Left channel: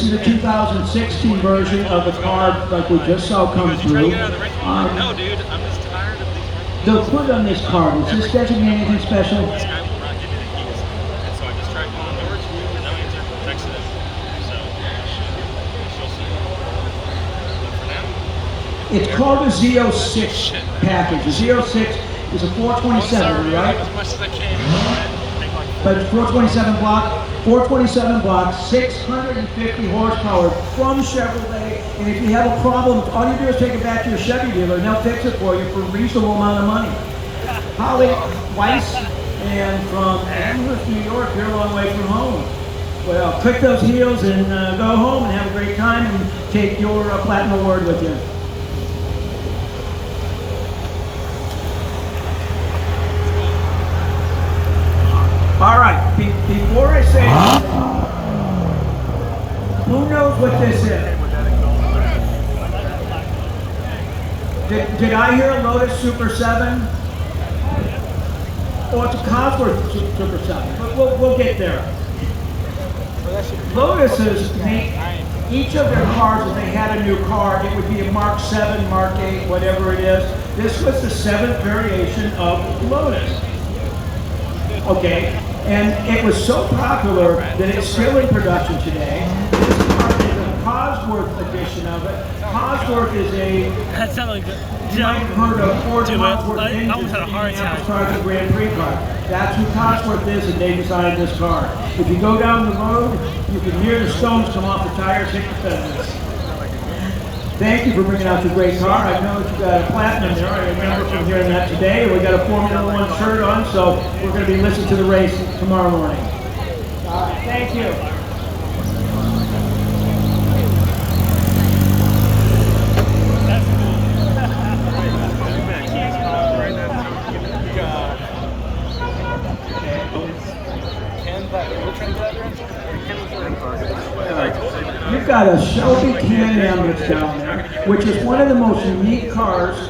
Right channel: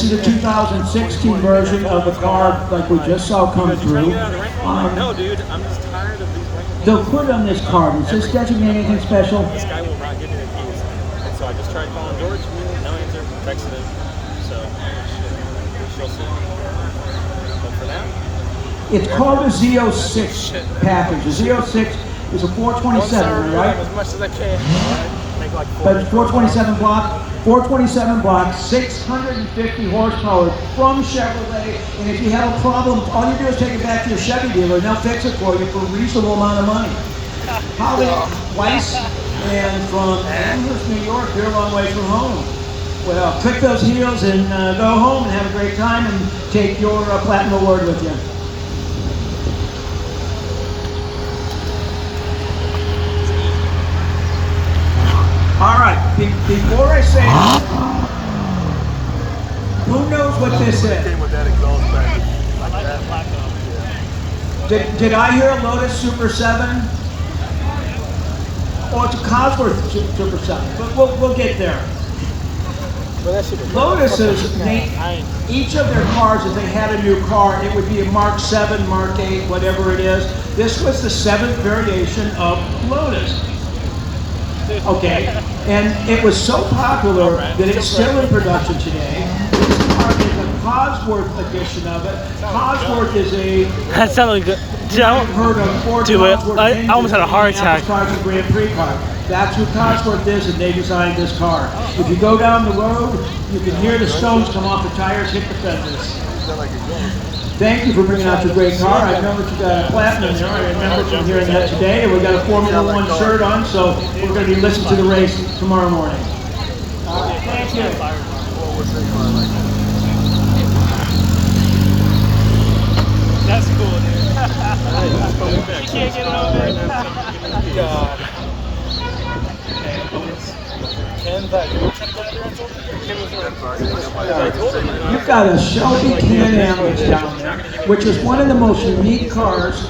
This is a 2016 version of the car like we just saw come through. The hood on this car, does this designate anything special? It's called a Z06 package. The Z06 is a 427, am I right? But it's 427 block. 427 block, 650 horsepower from Chevrolet. And if you have a problem, all you do is take it back to your Chevy dealer and they'll fix it for you for a reasonable amount of money. Holly Weiss, and from Amherst, New York, you're a long way from home. Well, click those heels and go home and have a great time and take your Platinum Award with you. All right, before I say anything, who knows what this is? Did I hear a Lotus Super 7? Oh, it's a Cosworth Super 7, but we'll get there. Lotuses make each of their cars, if they had a new car, it would be a Mark 7, Mark 8, whatever it is. This was the 7th variation of Lotus. Okay, and it was so popular that it's still in production today. This car is a Cosworth edition of it. Cosworth is a... That sounded good. You might have heard of Ford Cosworth I almost had a heart attack. Grand Prix car. That's who Cosworth is, and they designed this car. If you go down the road, you can hear the stones come off the tires, hit the fenders. Thank you for bringing out your great car. I know that you got a platinum there. I remember from hearing that today. And we got a Formula One shirt on, so we're going to be listening to the race tomorrow morning. All right, thank you. That's cool. You've got a Shelby Can-Am that's down there, which is one of the most unique cars.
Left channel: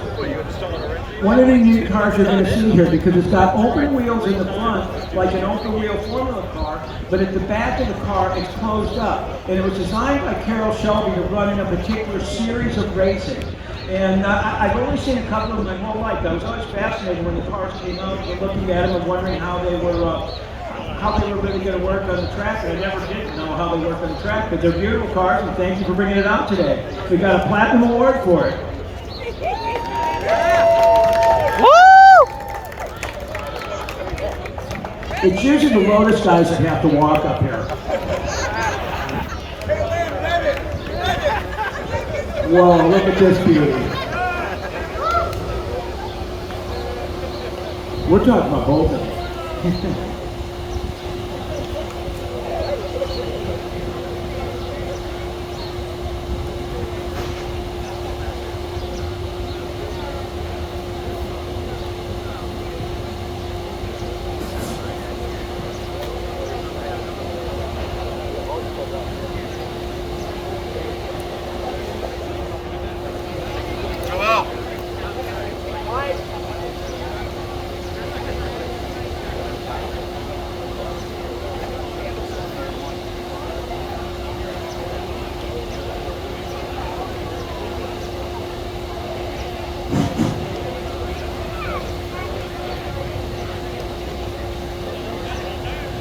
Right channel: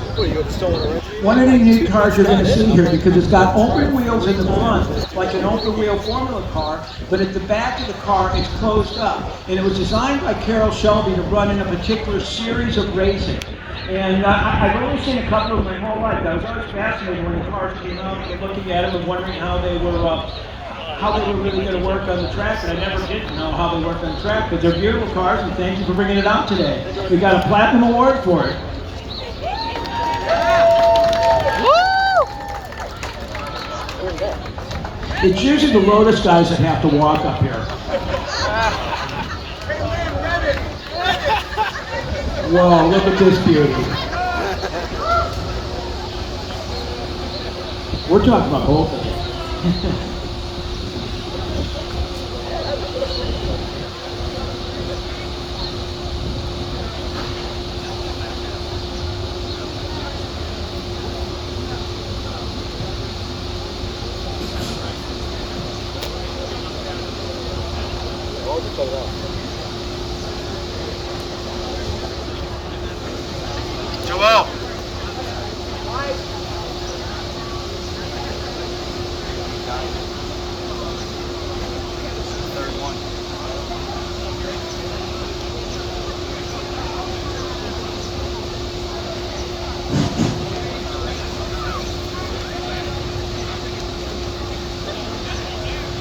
One of the unique cars you're going to see here because it's got open wheels in the front, like an open wheel Formula car, but at the back of the car it's closed up. And it was designed by Carroll Shelby to run in a particular series of racing. And I've only seen a couple of them my whole life. I was always fascinated when the cars came out, looking at them and wondering how they were really going to work on the track. And I never did know how they worked on the track, but they're beautiful cars, and thank you for bringing it out today. We got a Platinum Award for it. Woo! It's usually the Lotus guys that have to walk up here. Whoa, look at this beauty. We're talking about both of them. Joel.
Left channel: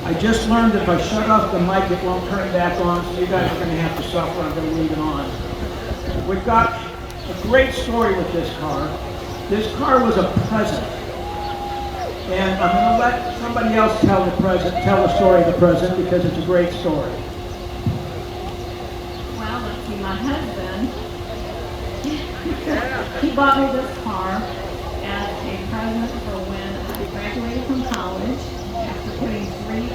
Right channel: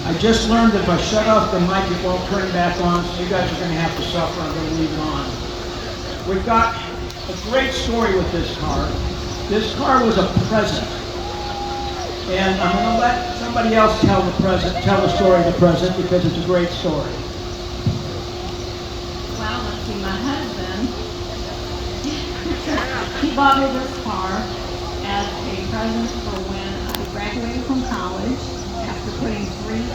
I just learned that if I shut off the mic, it won't turn back on, so you guys are going to have to suffer. I'm going to leave it on. We've got a great story with this car. This car was a present. And I'm going to let somebody else tell the story of the present because it's a great story. Well, let's see, my husband, he bought me this car as a present for when I graduated from college after putting three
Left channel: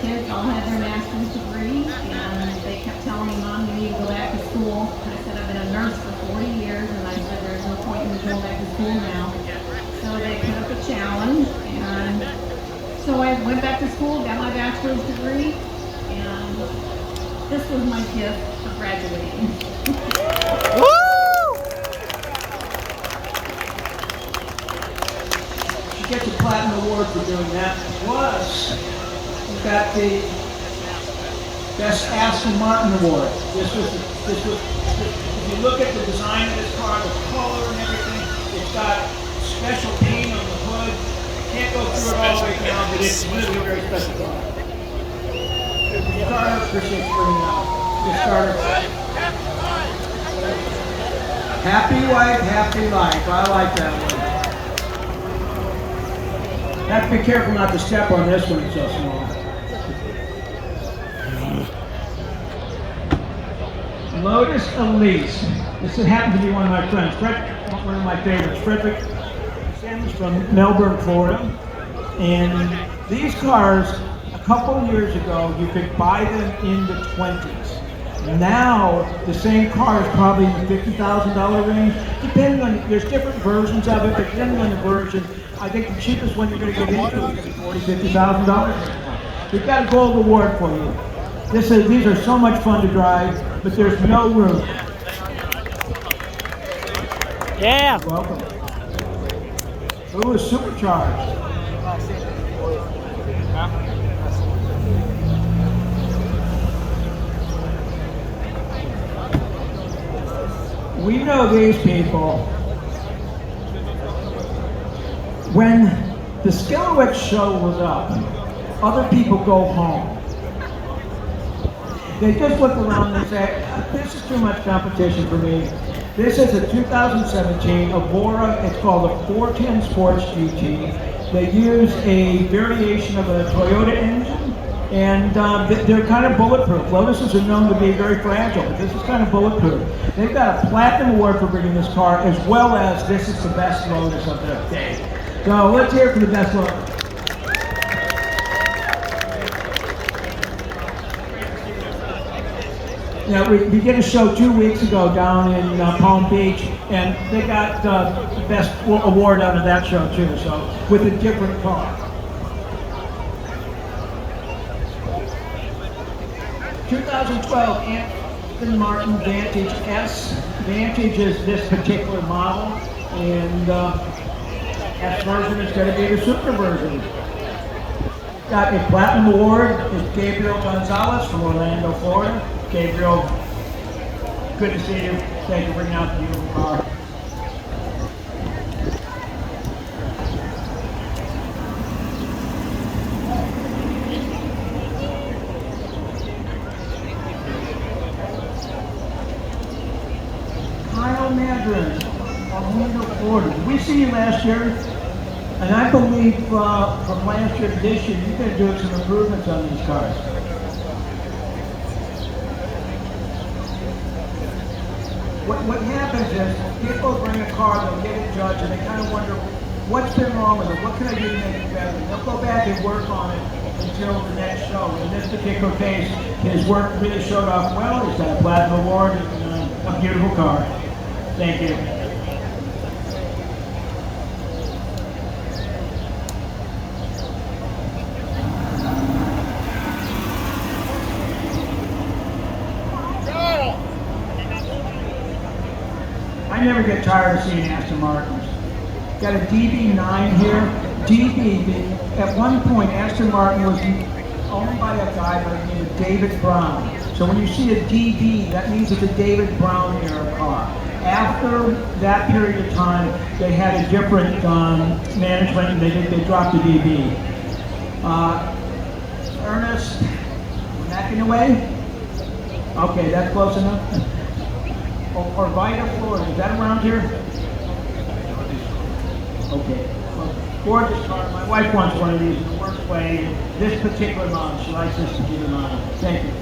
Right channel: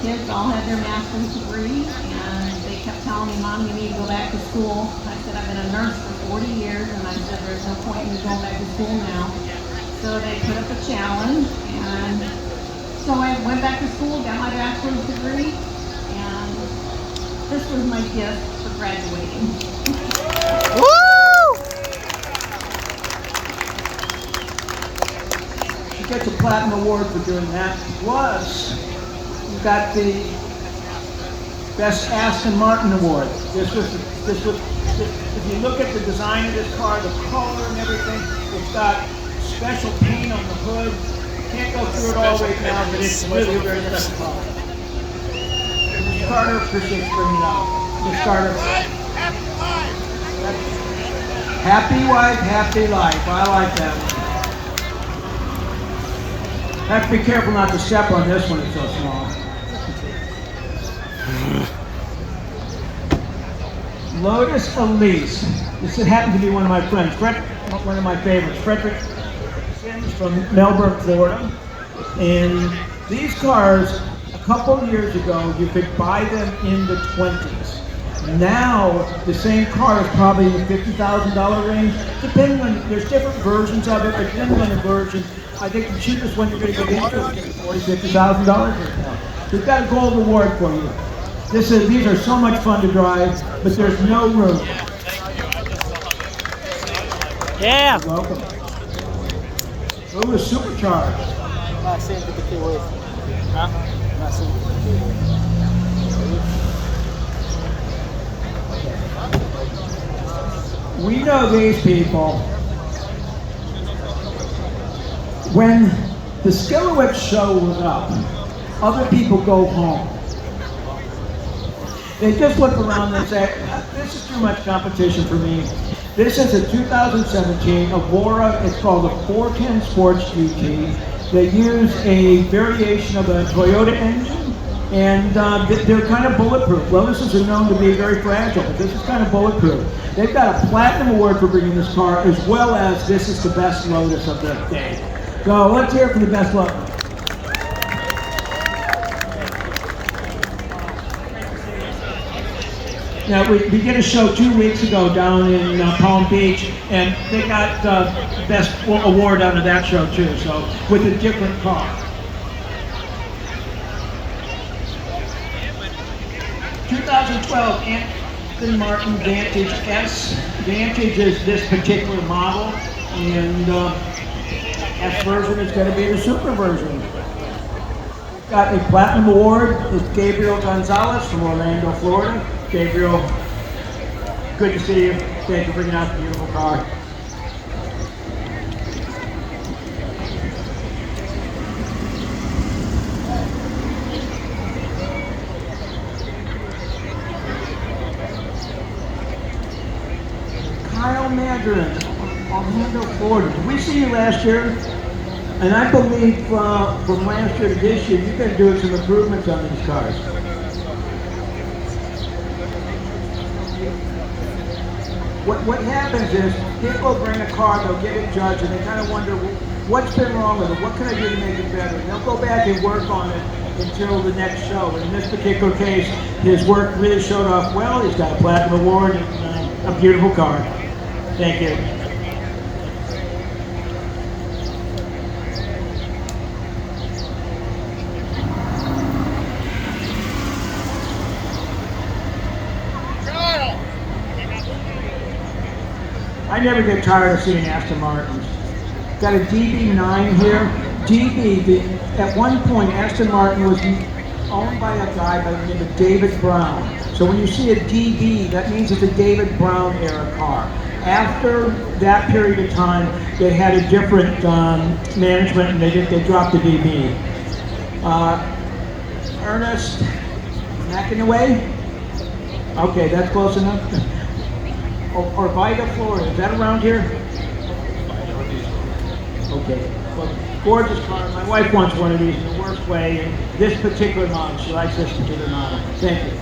kids all had their master's degree, and they kept telling me, Mom, you need to go back to school. I said, I've been a nurse for 40 years, and I said, there's no point in me going back to school now. So they put up a challenge, and so I went back to school, got my bachelor's degree, and this was my gift for graduating. Woo! She gets a platinum award for doing that. Plus, you got the Best Aston Martin Award. If you look at the design of this car, the color and everything, it's got special paint on the hood. Can't go through it all right now, but it's really a very special car. Mr. Carter, appreciate you bringing it out. Mr. Carter. Happy wife, happy life. I like that one. Have to be careful not to step on this one, it's so small. Lotus Elise. This happened to be one of my friends, one of my favorites, Frederick Sims from Melbourne, Florida. And these cars, a couple years ago, you could buy them in the 20s. Now, the same car is probably in the $50,000 range, depending on, there's different versions of it, but depending on the version, I think the cheapest one you're going to get into is going to be $40,000, $50,000 right now. We've got a gold award for you. These are so much fun to drive, but there's no room. Yeah. You're welcome. Ooh, it's supercharged. We know these people. When the Skilowitz show was up, other people go home. They just look around and say, this is too much competition for me. This is a 2017 Evora, it's called the 410 Sports GT. They use a variation of a Toyota engine, and they're kind of bulletproof. Lotuses are known to be very fragile, but this is kind of bulletproof. They've got a platinum award for bringing this car, as well as this is the best Lotus of the day. So let's hear it for the best Lotus. Yeah, we did a show 2 weeks ago down in Palm Beach, and they got best award out of that show too, so with a different car. 2012 Aston Martin Vantage S. Vantage is this particular model, and S version is going to be the super version. We've got a platinum award. It's Gabriel Gonzalez from Orlando, Florida. Gabriel, good to see you. Thank you for bringing out the beautiful car. Kyle Madron, Orlando, Florida. Did we see you last year? And I believe from last year to this year, you've been doing some improvements on these cars. What happens is, people bring a car, they'll get it judged, and they kind of wonder, what's been wrong with it? What can I do to make it better? And they'll go back and work on it until the next show. And in this particular case, his work really showed off well. He's got a platinum award and a beautiful car. Thank you. I never get tired of seeing Aston Martins. Got a DB9 here. At one point, Aston Martin was owned by a guy by the name of David Brown. So when you see a DB, that means it's a David Brown era car. After that period of time, they had a different management, and they dropped the DB. Ernest McInaway? Okay, that's close enough. Orvieto, Florida. Is that around here? Okay. Well, gorgeous car. My wife wants one of these in the worst way, and this particular model. She likes this particular model. Thank you.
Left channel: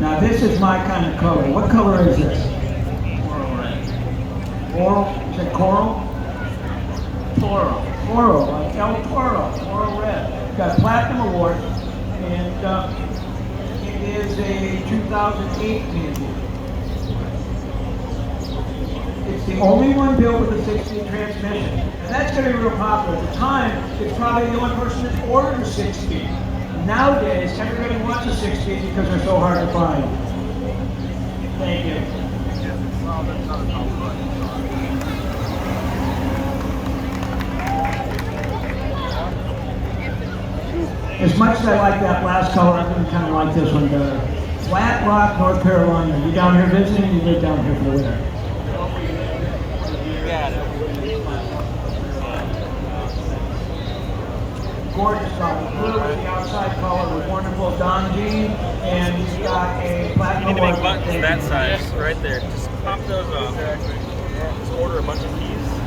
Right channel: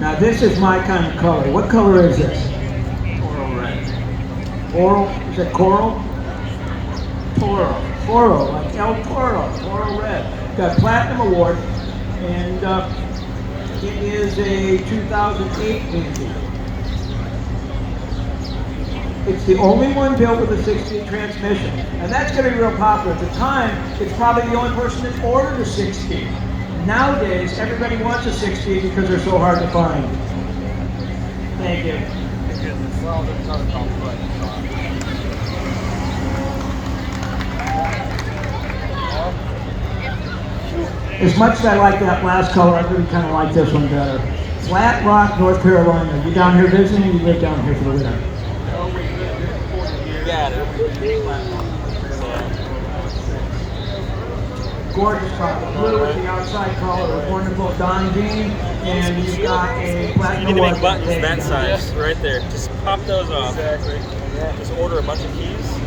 Now this is my kind of color. What color is this? Coral red. Coral? Is it coral? Toro. Toro, like El Toro, Toro Red. Got Platinum Award, and it is a 2008 engine. It's the only one built with a 6-speed transmission, and that's going to be real popular. At the time, it's probably the only person that ordered a 6-speed. Nowadays, everybody wants a 6-speed because they're so hard to find. Thank you. As much as I like that last color, I really kind of like this one better. Flat Rock, North Carolina. You down here visiting? You live down here for the winter? Gorgeous car. The blue with the outside color is wonderful. Don Dean, and he's got a platinum You need to award. make buttons that size, right there. Just pop those off. Just order a bunch of keys.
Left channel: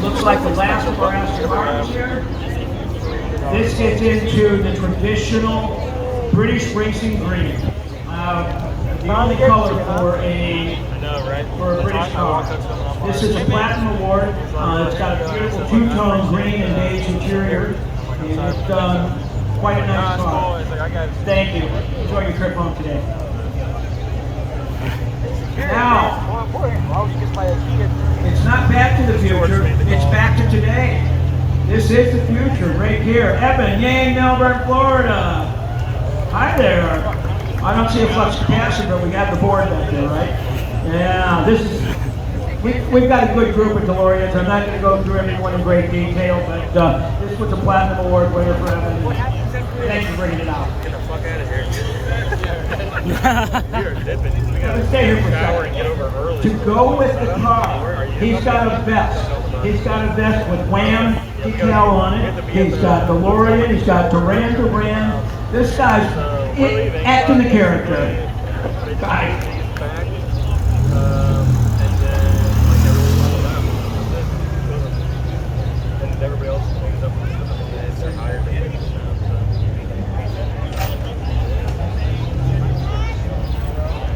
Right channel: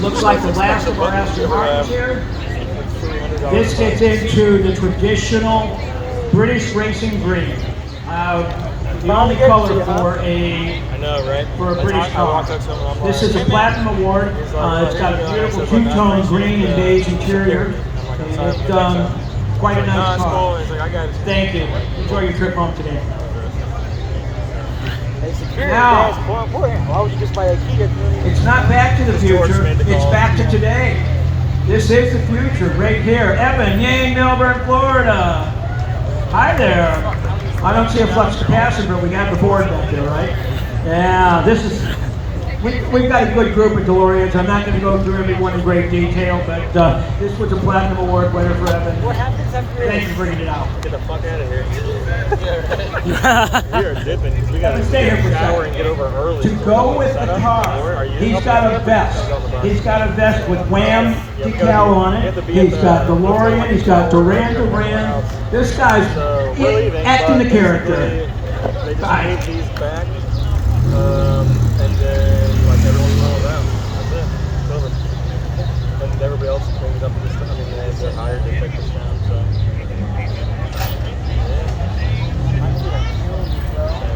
Looks like the last of our Aston Martins here. This gets into the traditional British racing green. The only color for a British car. This is a platinum award. It's got a beautiful two-tone green and beige interior, and it's quite a nice car. Thank you. Enjoy your trip home today. Now, it's not back to the future, it's back to today. This is the future right here. Evan, yay, Melbourne, Florida. Hi there. I don't see a flux capacitor, but we got the board back there, right? Yeah, this is, we've got a good group of DeLoreans. I'm not going to go through everyone in great detail, but this was a Platinum Award winner for Evan. Thank you for bringing it out. Get the fuck out of here. Evan, stay here for a second. To go with the car, he's got a vest. He's got a vest with Wham decal on it. He's got DeLorean. He's got Duran Duran. This guy's acting the character. Bye.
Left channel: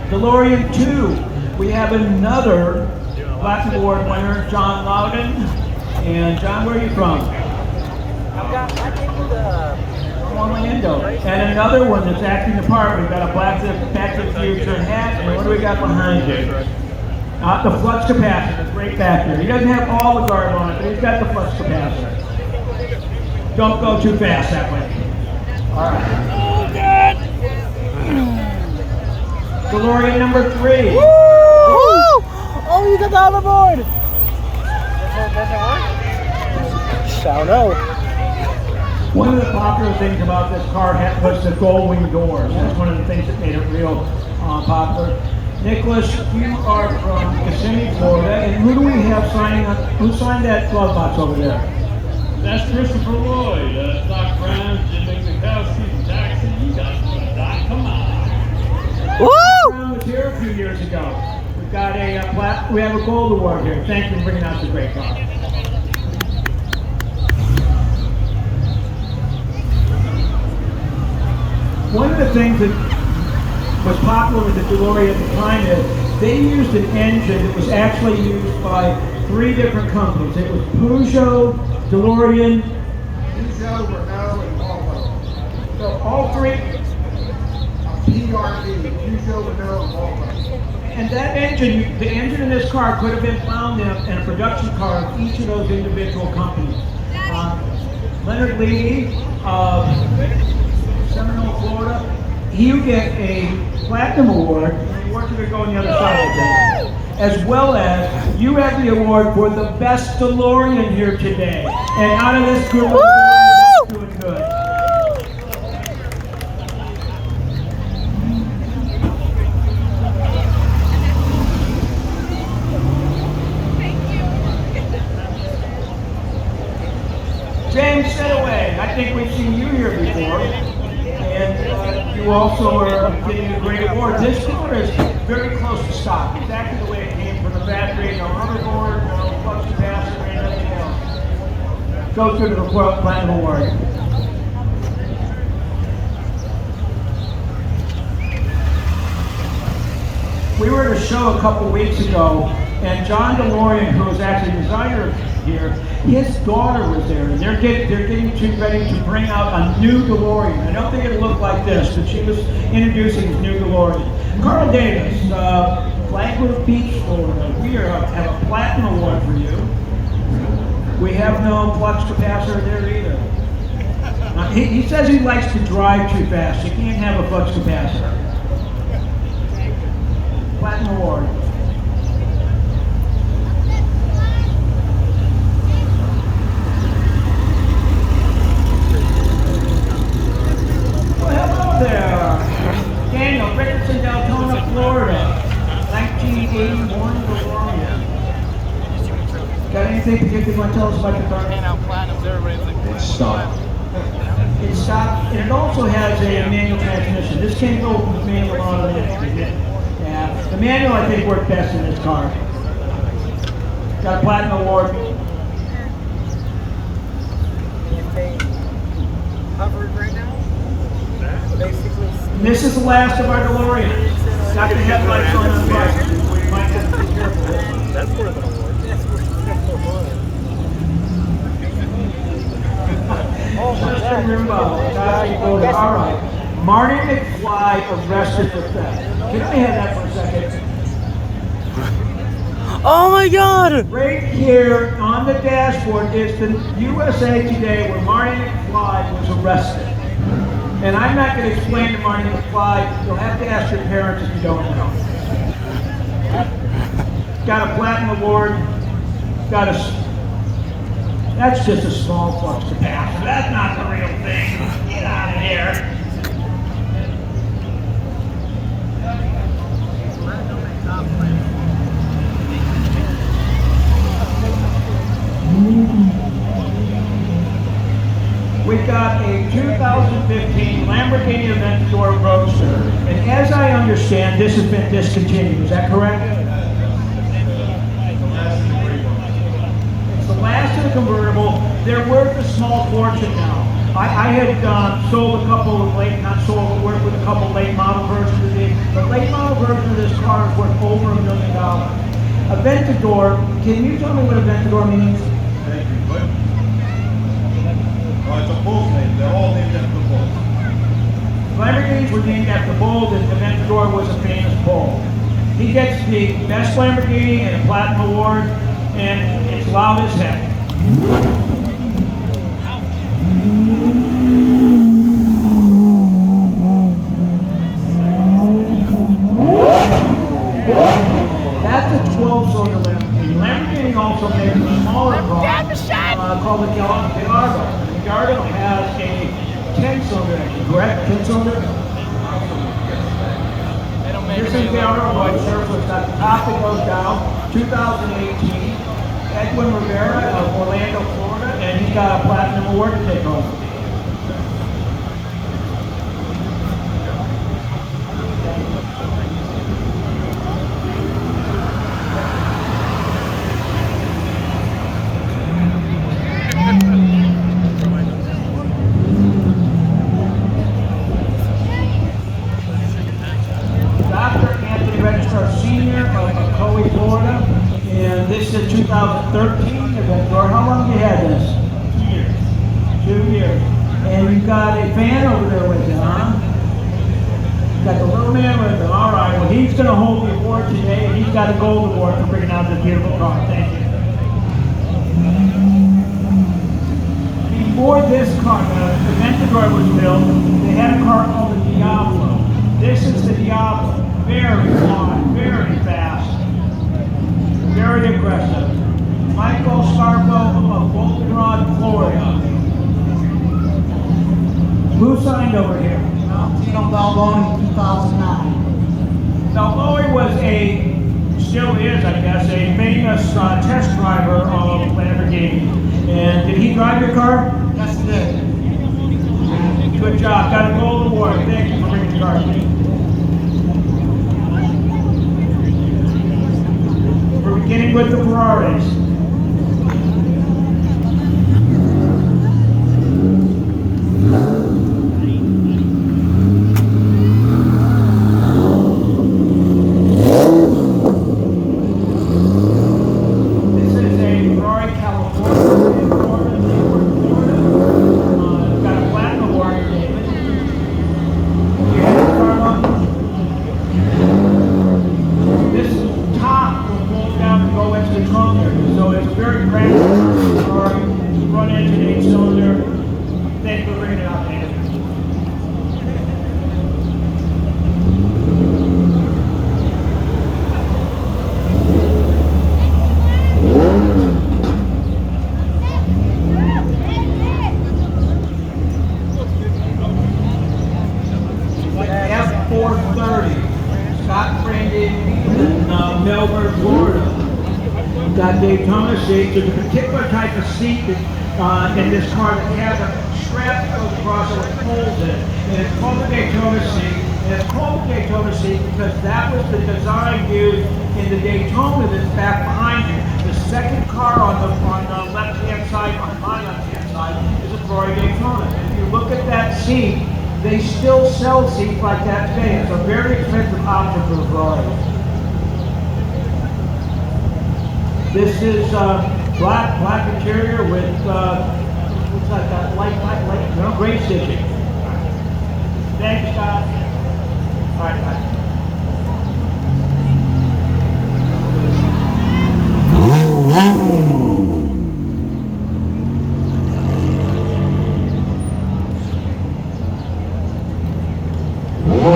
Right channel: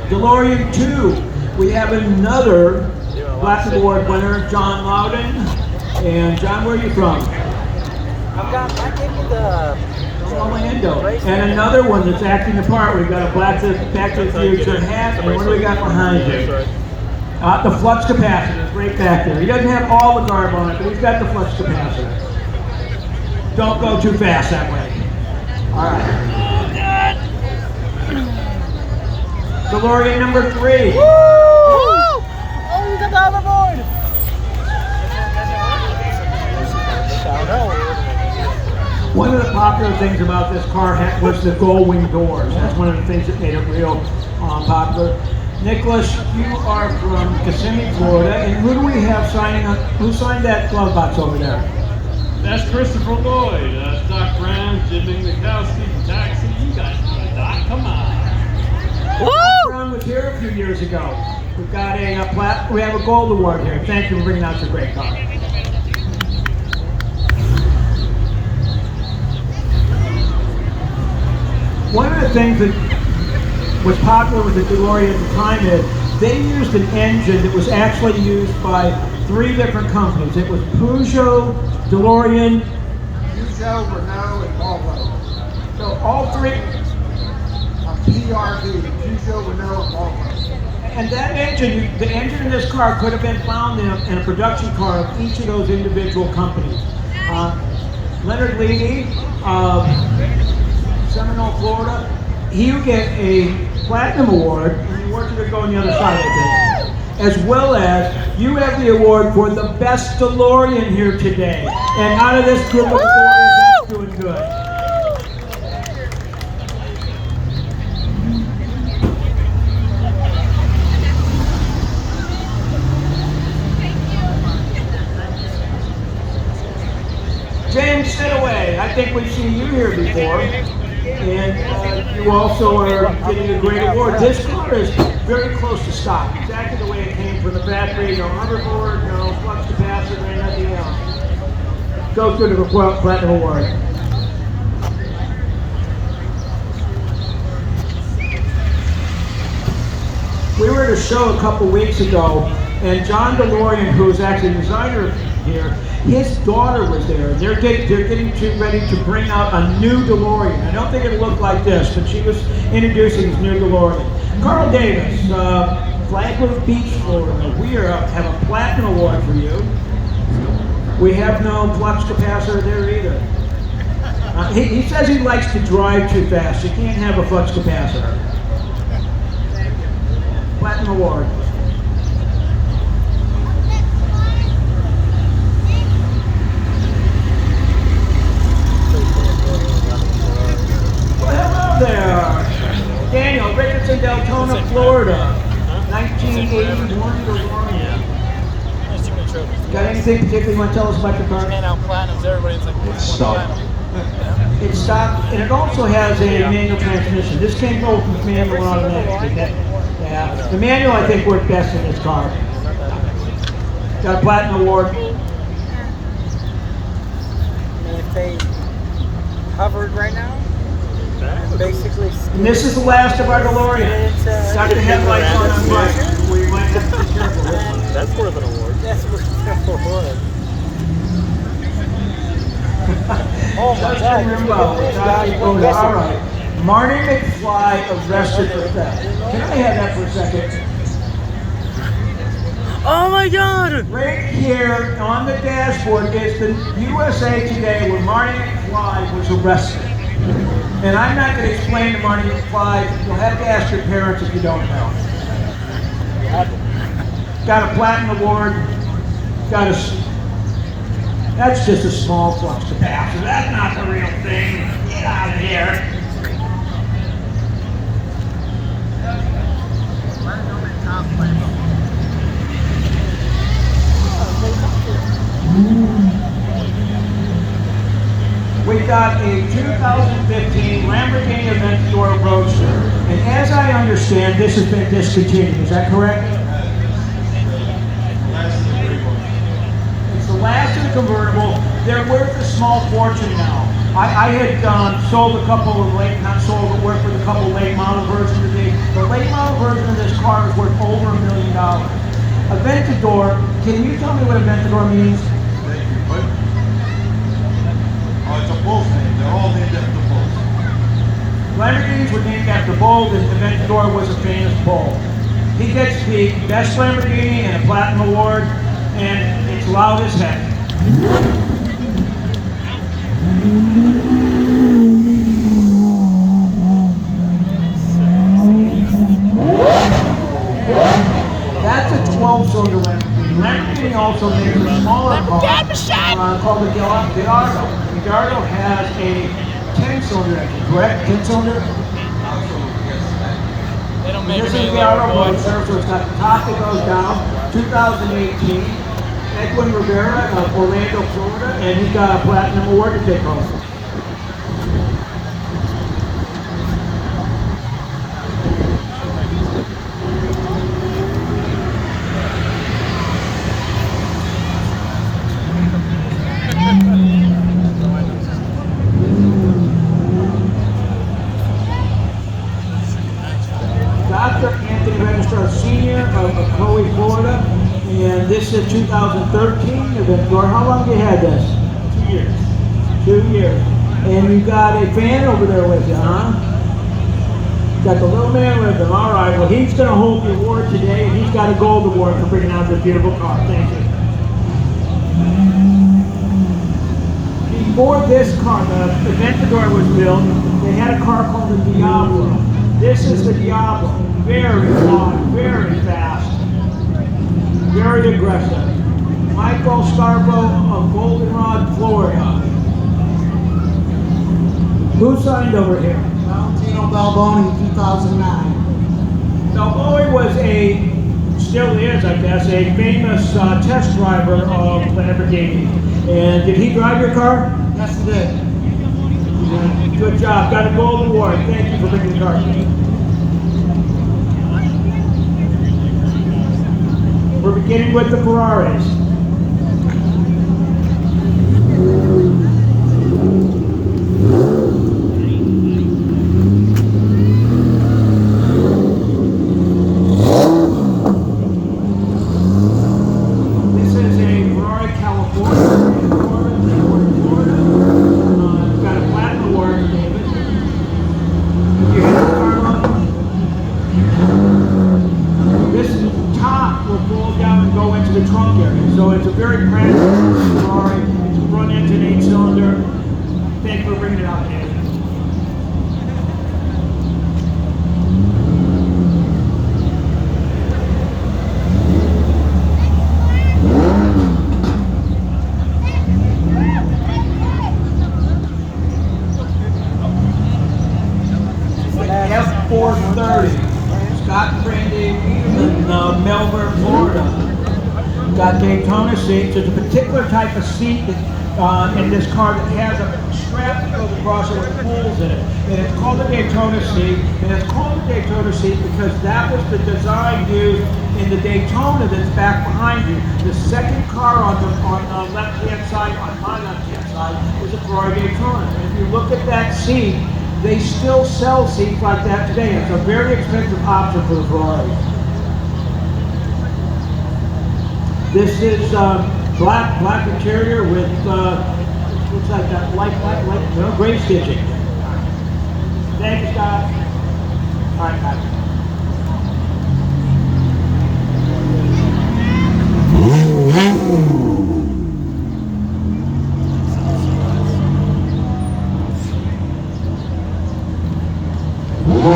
DeLorean 2, we have another Platinum Award winner, John Loudon. And John, where are you from? From Orlando. And another one that's acting the part. We've got a Back to the Future hat, and what do we got behind you? The flux capacitor is right back there. He doesn't have all the garb on it, but he's got the flux capacitor. Don't go too fast that way. All right. DeLorean number 3. Woo! Oh, you got the other board! I don't know. One of the popular things about this car was the gold wing doors. That's one of the things that made it real popular. Nicholas, you are from Kissimmee, Florida, and who do we have signing on? Who signed that glove box over there? That's Christopher Lloyd, Doc Brown, Jim Mikowski from Taxi. You guys know the Doc, come on. Woo! Brown was here a few years ago. We've got we have a gold award here. Thank you for bringing out your great car. One of the things that was popular with the DeLorean at the time is they used an engine that was actually used by 3 different companies. It was Peugeot, DeLorean, Peugeot, Renault, and Volvo. So all 3, PRV, Peugeot, Renault, and Volvo. And that engine, the engine in this car could have been found in a production car of each of those individual companies. Leonard Leedy of Seminole, Florida, he would get a Platinum Award, and he worked to go on the other side, I think. As well as, you have the award for the best DeLorean here today. And out of this group of DeLoreans, that's doing good. James Setaway, I think we've seen you here before, and you also are getting a great award. This car is very close to stock, exactly the way it came from the factory. No hoverboard, no flux capacitor, nothing else. Goes through to the Platinum Award. We were at a show a couple weeks ago, and John DeLorean, who is actually the designer here, his daughter was there, and they're getting ready to bring out a new DeLorean. I don't think it'll look like this, but she was introducing his new DeLorean. Carl Davis, Flagler Beach, Florida. We have a Platinum Award for you. We have no flux capacitor there either. He says he likes to drive too fast. You can't have a flux capacitor. Platinum Award. anything particular you want to tell us about the car? It's stock. It's stock, and it also has a manual transmission. This came both manual and automatic, didn't it? Yeah. The manual, I think, worked best in this car. Got a platinum award. And if they hovered right now, basically. And this is the last of our DeLorean. Got the headlights on the right. We might have to be careful. This one. That's worth an award. That's what's Justin Rimbaugh, Dr. Dakota. All right. Marty McFly arrested for theft. Can I have that for a second? Oh my God! Right here on the dashboard is the USA Today where Marty McFly was arrested. And I'm not going to explain to Marty McFly. You'll have to ask your parents if you don't know. Got a platinum award. Got a. That's just a small flux capacitor. That's not the real thing. Get out of here. We got a 2015 Lamborghini Aventador Roadster. And as I understand, this has been discontinued. Is that correct? It's the last of the convertible. They're worth a small fortune now. I had sold a couple of not sold, but worked with a couple late model versions of these. The late model version of this car is worth over $1 million. Aventador, can you tell me what Aventador means? Thank you. What? Oh, it's a bull's name. They're all named after bulls. Lamborghinis were named after bulls, and Aventador was a famous bull. He gets the best Lamborghini and a platinum award, and it's loud as heck. That's a 12-cylinder Lamborghini. Lamborghini also makes a smaller car called the Gallardo. The Gallardo has a 10-cylinder engine, correct? 10-cylinder? This is the Gallardo Roadster, so it's got the top that goes down. 2018. Edwin Rivera of Orlando, Florida, and he's got a platinum award to take home. Senior of Coe, Florida, and this is 2013 Aventador. How long have you had this? 2 years. 2 years. And you've got a fan over there with you, huh? Got the little man with him. All right, well, he's going to hold the award today, and he's got a gold award for bringing out this beautiful car. Thank you. Before this car, the Aventador was built, they had a car called the Diablo. This is the Diablo. Very loud, very fast, very aggressive. Michael Scarborough of Goldenrod, Florida. Who signed over here? Valentino Balboni, 2009. Balboni was still is, I guess, a famous test driver of Lamborghini. And did he drive your car? Yes, he did. Good job. Got a gold award. Thank you for bringing the car today. We're beginning with the Ferraris. This is a Ferrari California in Florida. Got a platinum award, David. Have you had your car long? This top will fold down and go into the trunk area. So it's a very practical Ferrari. It's a front engine, 8-cylinder. Thanks for bringing it out, David. F430. Scott and Brandy in Melbourne, Florida. We've got Daytona seats. There's a particular type of seat that, in this car that has a strap that goes across it with holes in it. And it's called the Daytona seat. And it's called the Daytona seat because that was the design used in the Daytona that's back behind you. The second car on the left-hand side, on my left-hand side, is a Ferrari Daytona. And if you look at that seat, they still sell seats like that today. It's a very expensive option for the Ferraris. This is black interior with looks like that light gray stitching. Thank you, Scott. All right, guys.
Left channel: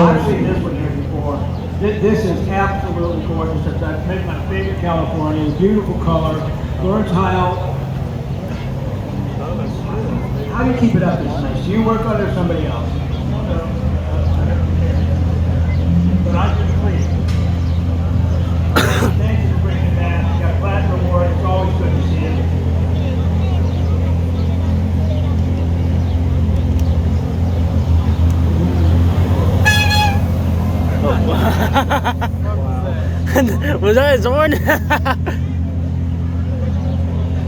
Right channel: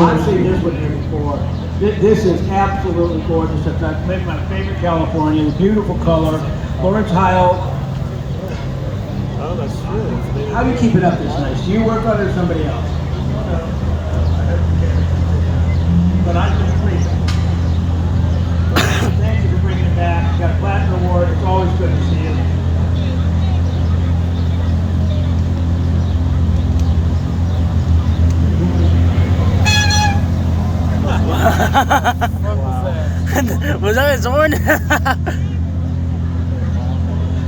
I've seen this one here before. This is absolutely gorgeous. It's maybe my favorite California. Beautiful color. Lawrence Heil. How do you keep it up this nice? Do you work on it or somebody else? But I just please. Thank you for bringing it back. You got a platinum award. It's always good to see you. Was that his horn?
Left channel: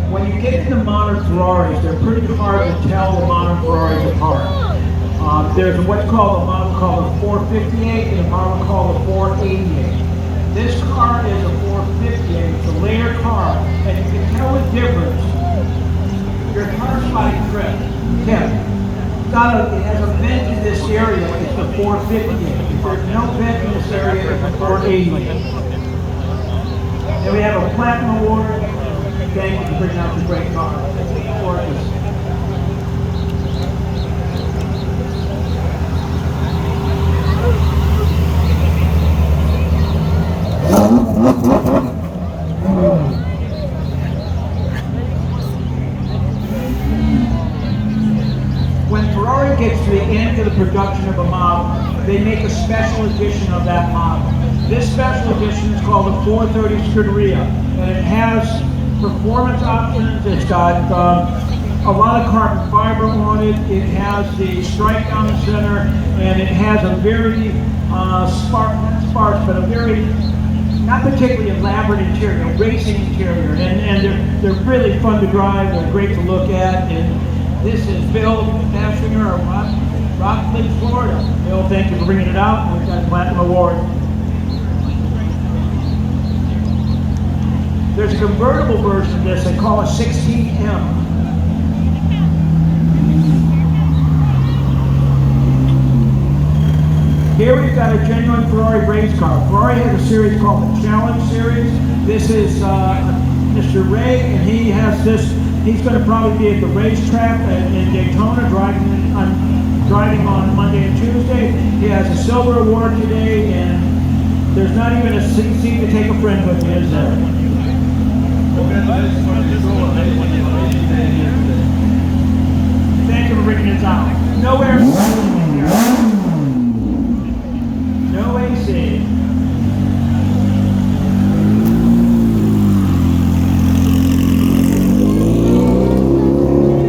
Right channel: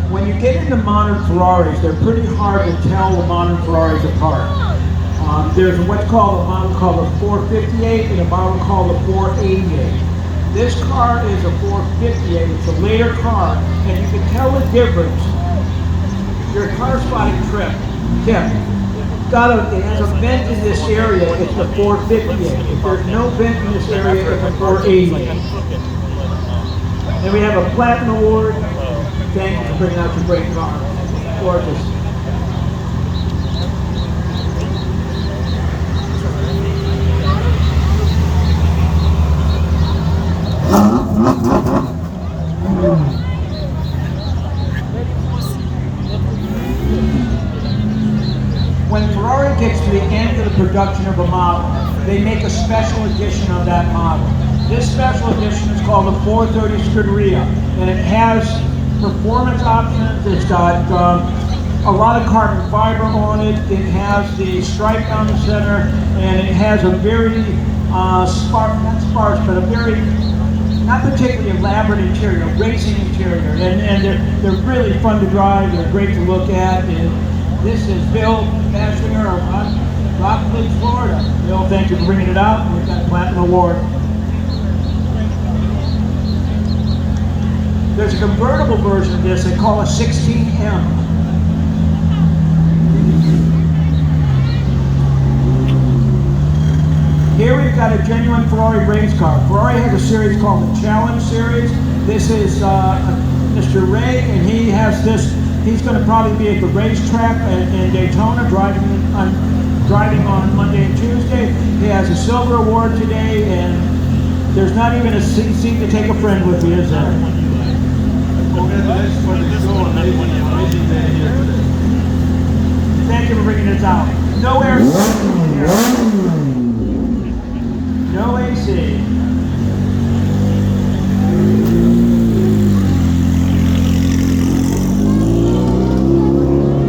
When you get into modern Ferraris, they're pretty hard to tell the modern Ferraris apart. There's what's called a model called a 458 and a model called a 488. This car is a 458. It's a later car, and you can tell the difference. Your car spotting trip, Tim, it has a vent in this area, it's the 458. If there's no vent in this area, it's a 488. And we have a platinum award. Thank you for bringing out your great car. Gorgeous. When Ferrari gets to the end of the production of a model, they make a special edition of that model. This special edition is called the 430 Scuderia, and it has performance options. It's got a lot of carbon fiber on it. It has the stripe down the center, and it has a very not sparse, but a very not particularly elaborate interior, racing interior, and they're really fun to drive. They're great to look at. And this is Bill Bashringer of Rockledge, Florida. Bill, thank you for bringing it out, and we've got a platinum award. There's a convertible version of this they call a 16M. Here we've got a genuine Ferrari race car. Ferrari has a series called the Challenge Series. This is Mr. Ray, and he has this. He's going to probably be at the racetrack in Daytona, driving on Monday and Tuesday. He has a silver award today, and there's not even a seat to take a friend with you, is there? Congratulations for the show. Amazing day here today. Thank you for bringing this out. No air conditioning here. No AC.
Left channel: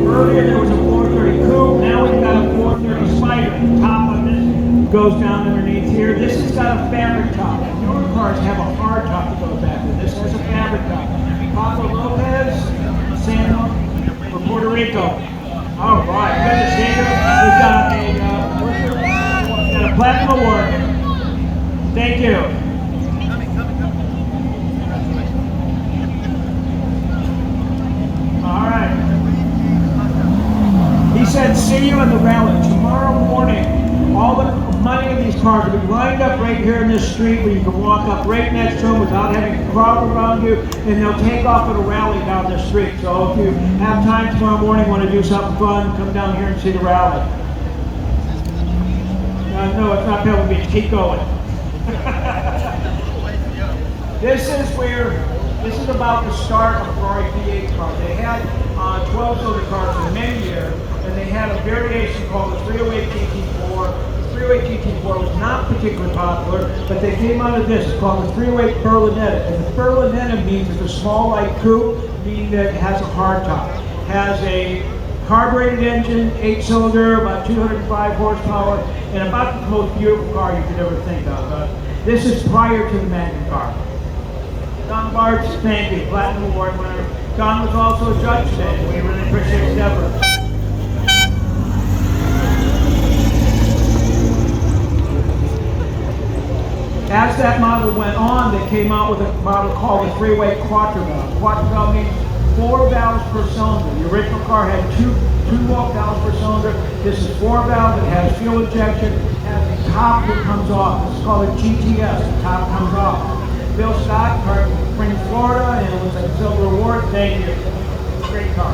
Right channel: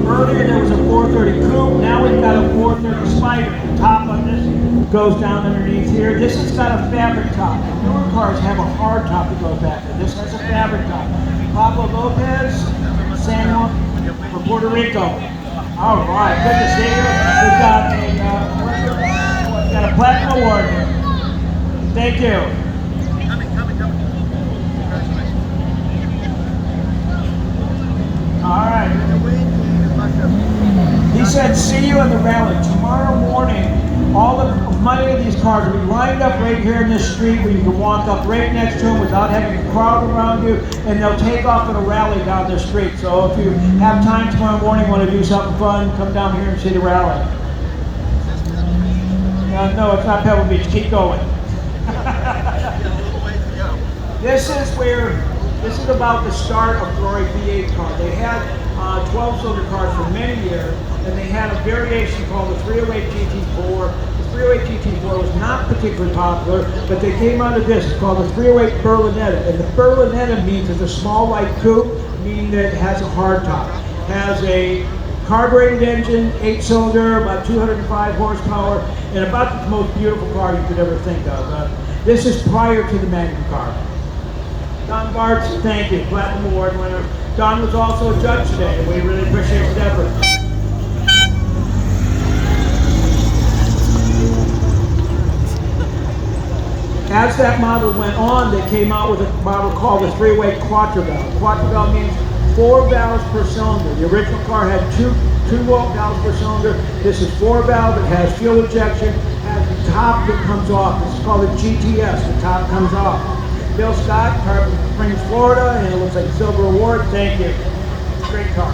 Earlier there was a 430 Coupe. Now we've got a 430 Spider. The top of this goes down underneath here. This has got a fabric top. The newer cars have a hard top that goes back there. This has a fabric top. Pablo Lopez, San Juan, from Puerto Rico. All right, good to see you. We've got a platinum award here. Thank you. All right. He said, see you in the rally tomorrow morning. All the money of these cars will be lined up right here in this street where you can walk up right next to them without having a crowd around you, and they'll take off at a rally down this street. So if you have time tomorrow morning, want to do something fun, come down here and see the rally. No, it's not Pebble Beach. Keep going. This is about the start of Ferrari V8 car. They had 12-cylinder cars for many years, and they had a variation called the 308 GT4. 308 GT4 was not particularly popular, but they came out of this. It's called the 308 Berlinetta. And the Berlinetta means it's a small light coupe, meaning that it has a hardtop. Has a carbureted engine, 8-cylinder, about 205 horsepower, and about the most beautiful car you could ever think of. This is prior to the Magnum car. Don Bartz, thank you, Platinum Award winner. Don was also a judge today, and we really appreciate his efforts. As that model went on, they came out with a model called the 308 Quattro Valve. Quattro Valve means 4 valves per cylinder. The original car had two valves per cylinder. This is 4 valve. It has fuel injection. It has the top that comes off. This is called a GTS. The top comes off. Bill Scott, car from Springs, Florida, and it looks like a silver award. Thank you. Great car.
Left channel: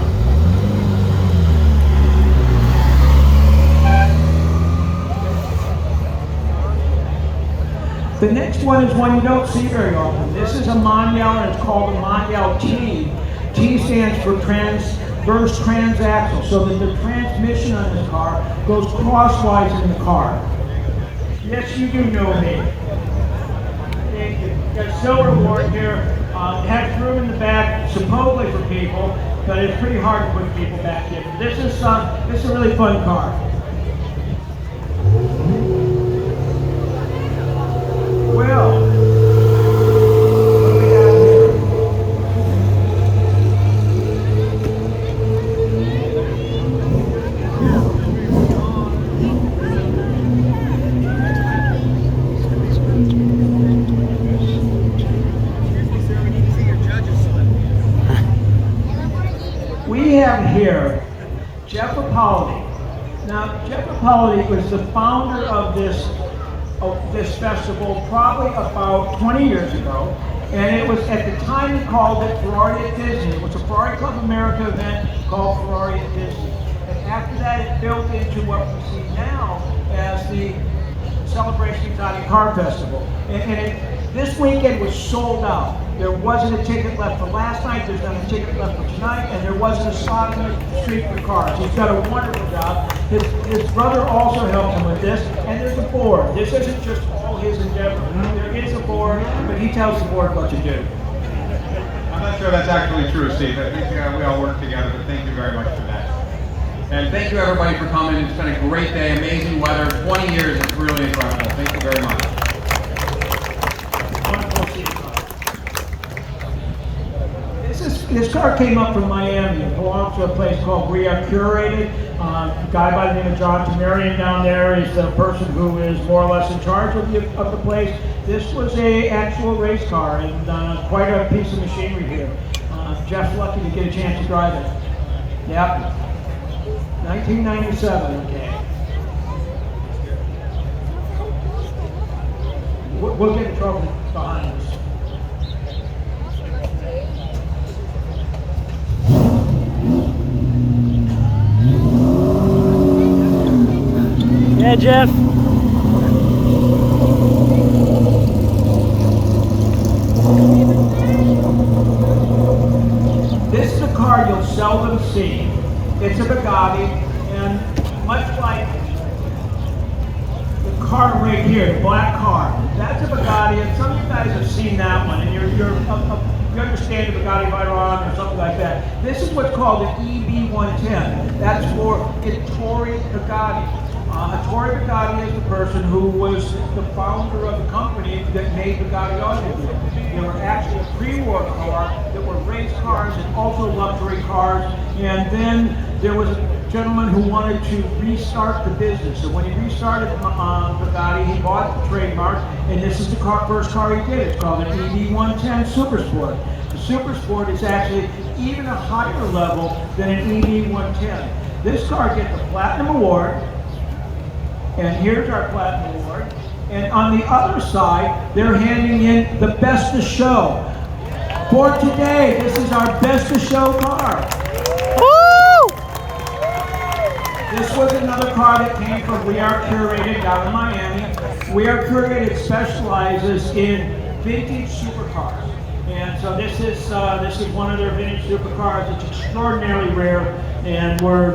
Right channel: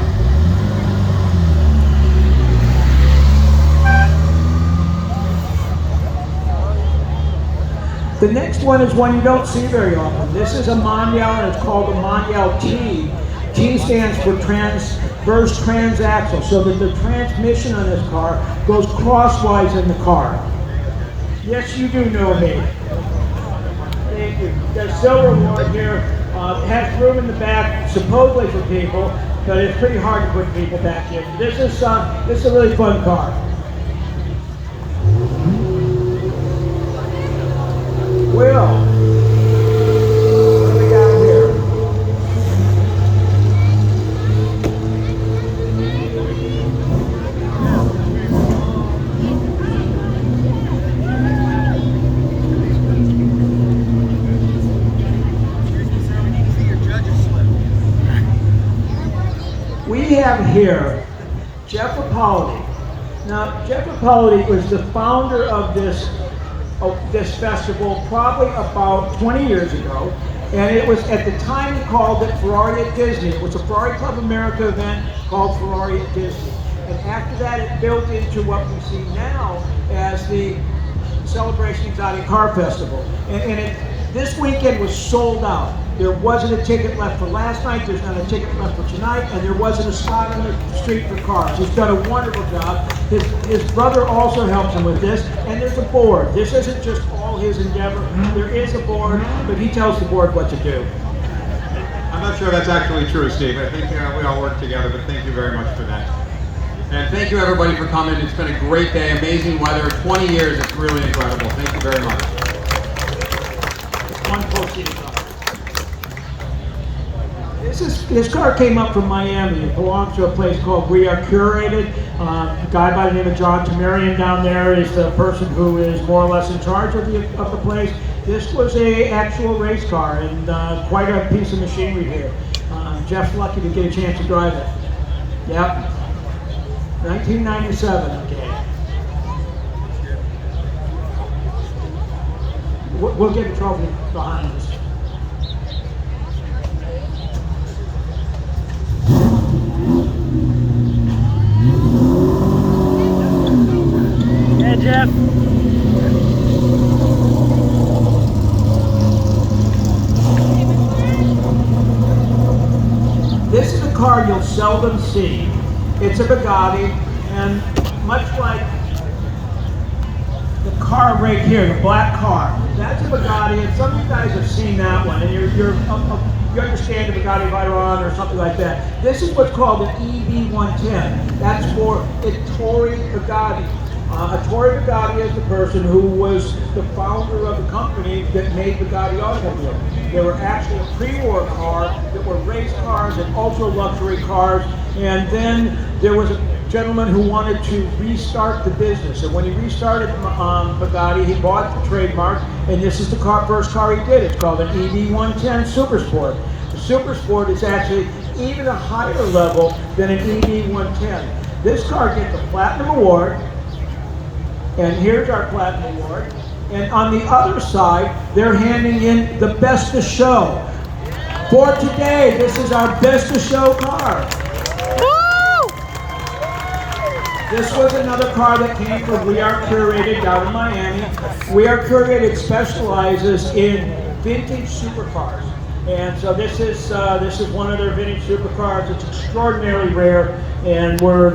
The next one is one you don't see very often. This is a Mondial, and it's called a Mondial T. T stands for transverse transaxle, so that the transmission on this car goes crosswise in the car. Yes, you do know me. Thank you. Got a silver award here. It has room in the back, supposedly for people, but it's pretty hard to put people back in. This is a really fun car. Will, what do we got here? We have here Jeff Apolli. Now, Jeff Apolli was the founder of this festival probably about 20 years ago, and it was at the time he called it Ferrari at Disney. It was a Ferrari Club America event called Ferrari at Disney, and after that it built into what we see now as the Celebration Exotic Car Festival. And this weekend was sold out. There wasn't a ticket left for last night, there's not a ticket left for tonight, and there wasn't a spot on the street for cars. He's done a wonderful job. His brother also helps him with this, and there's a board. This isn't just all his endeavor. There is a board, but he tells the board what to do. I'm not sure that's actually true, Steve. I think we all work together, but thank you very much for that. And thank you everybody for coming. It's been a great day, amazing weather, 20 years, it's really incredible. Thank you very much. Wonderful seeing you. This car came up from Miami. It belongs to a place called We Are Curated. A guy by the name of John Tamarian down there is the person who is more or less in charge of the place. This was a actual race car, and quite a piece of machinery here. Jeff's lucky to get a chance to drive it. Yep. 1997, okay. We'll get the trophy behind us. Yeah, Jeff. This is a car you'll seldom see. It's a Bugatti, and much like the car right here, the black car, that's a Bugatti, and some of you guys have seen that one, and you understand the Bugatti Veyron or something like that. This is what's called an EB110. That's for Ettore Bugatti. Ettore Bugatti is the person who was the founder of the company that made Bugatti automobiles. They were actually a pre-war car that were race cars and ultra luxury cars. And then there was a gentleman who wanted to restart the business. And when he restarted Bugatti, he bought the trademark, and this is the first car he did. It's called an EB110 Super Sport. The Super Sport is actually even a higher level than an EB110. This car gets a Platinum Award, and here's our Platinum Award. And on the other side, they're handing in the Best of Show. For today, this is our Best of Show car. Woo! This was another car that came from We Are Curated down in Miami. We Are Curated specializes in vintage supercars. And so this is one of their vintage supercars. It's extraordinarily rare, and we're